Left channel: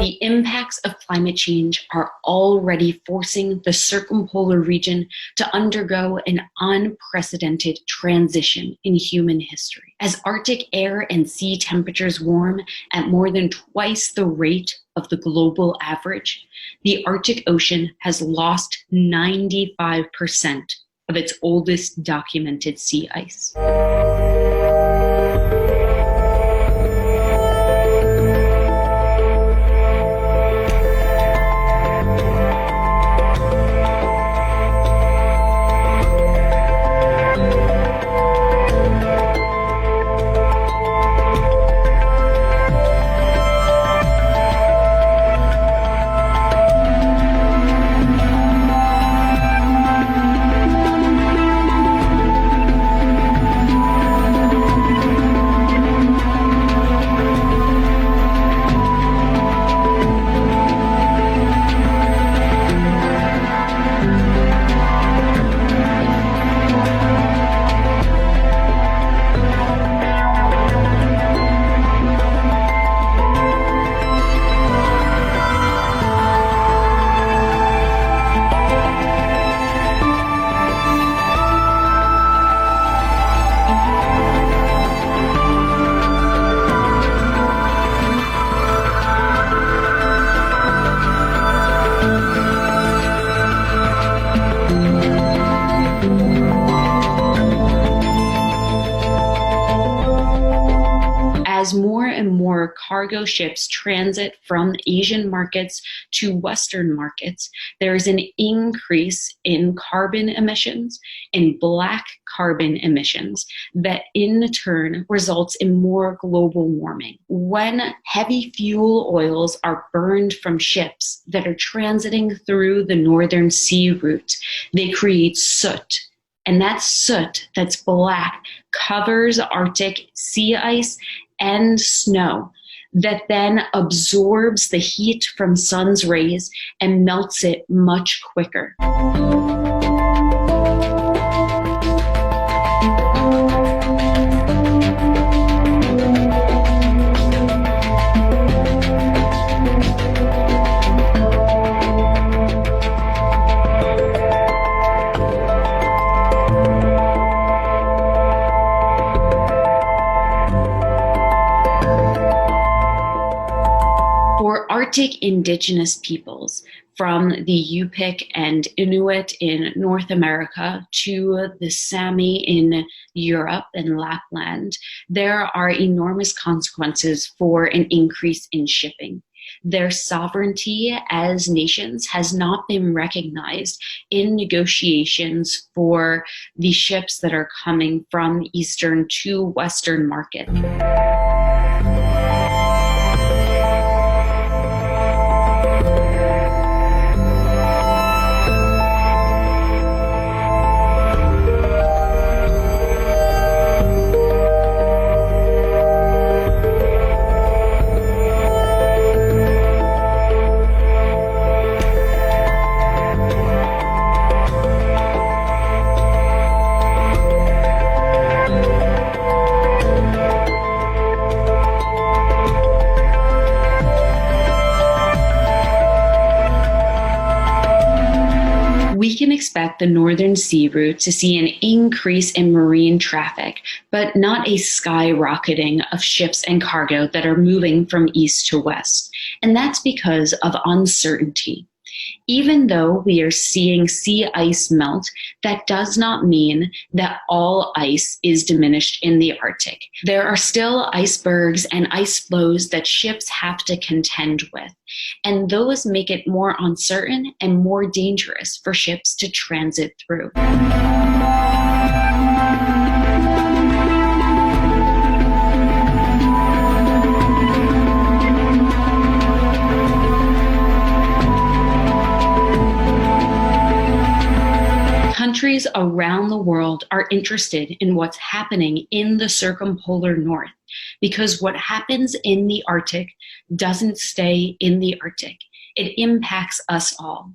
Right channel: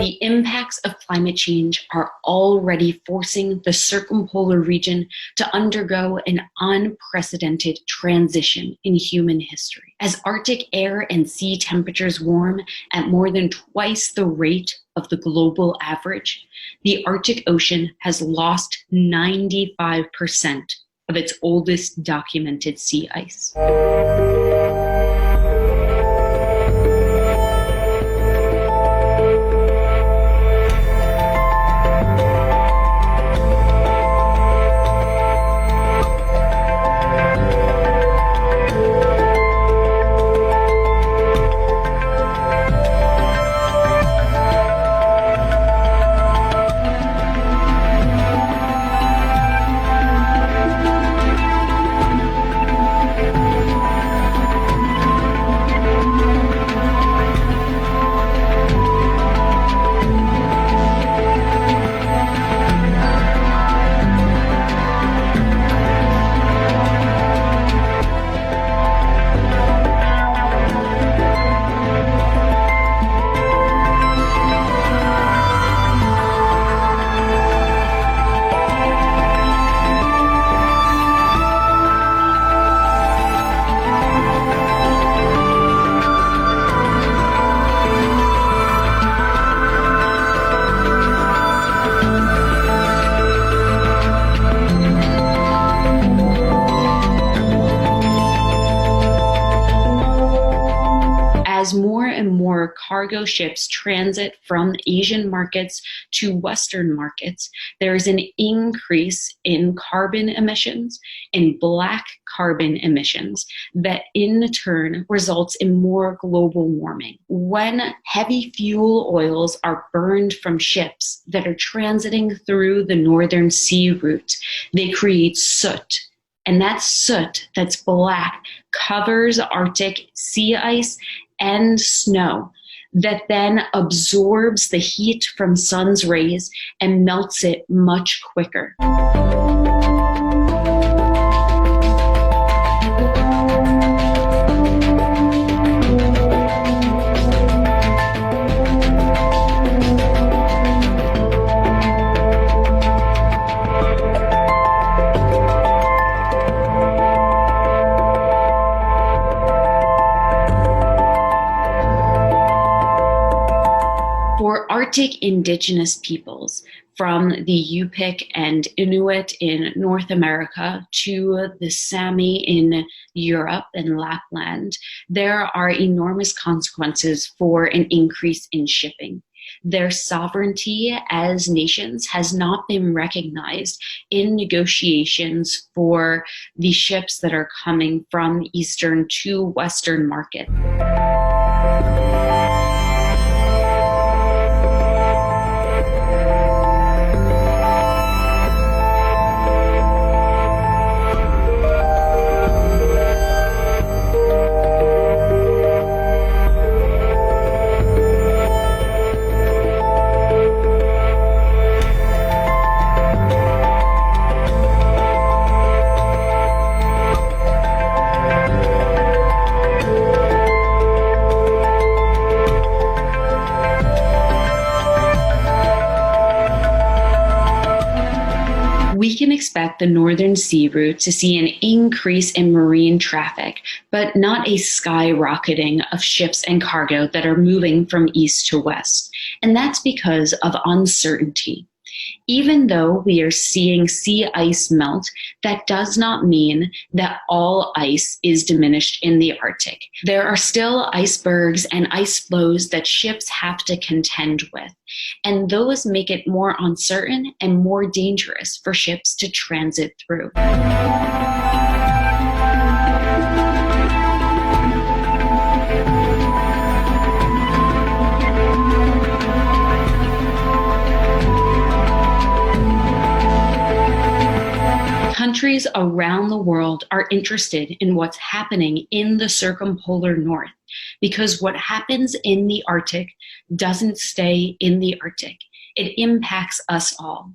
The impacts of climate change are already forcing the circumpolar region to undergo an unprecedented transition in human history. As Arctic air and sea temperatures warm at more than twice the rate of the global average, the Arctic Ocean has lost 95% of its oldest documented sea ice. As more and more cargo ships transit from Asian markets to Western markets, there is an increase in carbon emissions and black carbon emissions that in turn results in more global warming. When heavy fuel oils are burned from ships that are transiting through the Northern Sea route, they create soot. And that soot that's black covers Arctic sea ice and snow that then absorbs the heat from sun's rays and melts it much quicker. For Arctic indigenous peoples, from the Yupik and Inuit in North America to the Sami in Europe and Lapland, there are enormous consequences for an increase in shipping. Their sovereignty as nations has not been recognized in negotiations for the ships that are coming from Eastern to Western markets. We can expect the Northern Sea route to see an increase in marine traffic, but not a skyrocketing of ships and cargo that are moving from east to west. And that's because of uncertainty. Even though we are seeing sea ice melt, that does not mean that all ice is diminished in the Arctic. There are still icebergs and ice flows that ships have to contend with, and those make it more uncertain and more dangerous for ships to transit through. Countries around the world are interested in what's happening in the circumpolar north, because what happens in the Arctic doesn't stay in the Arctic. It impacts us all.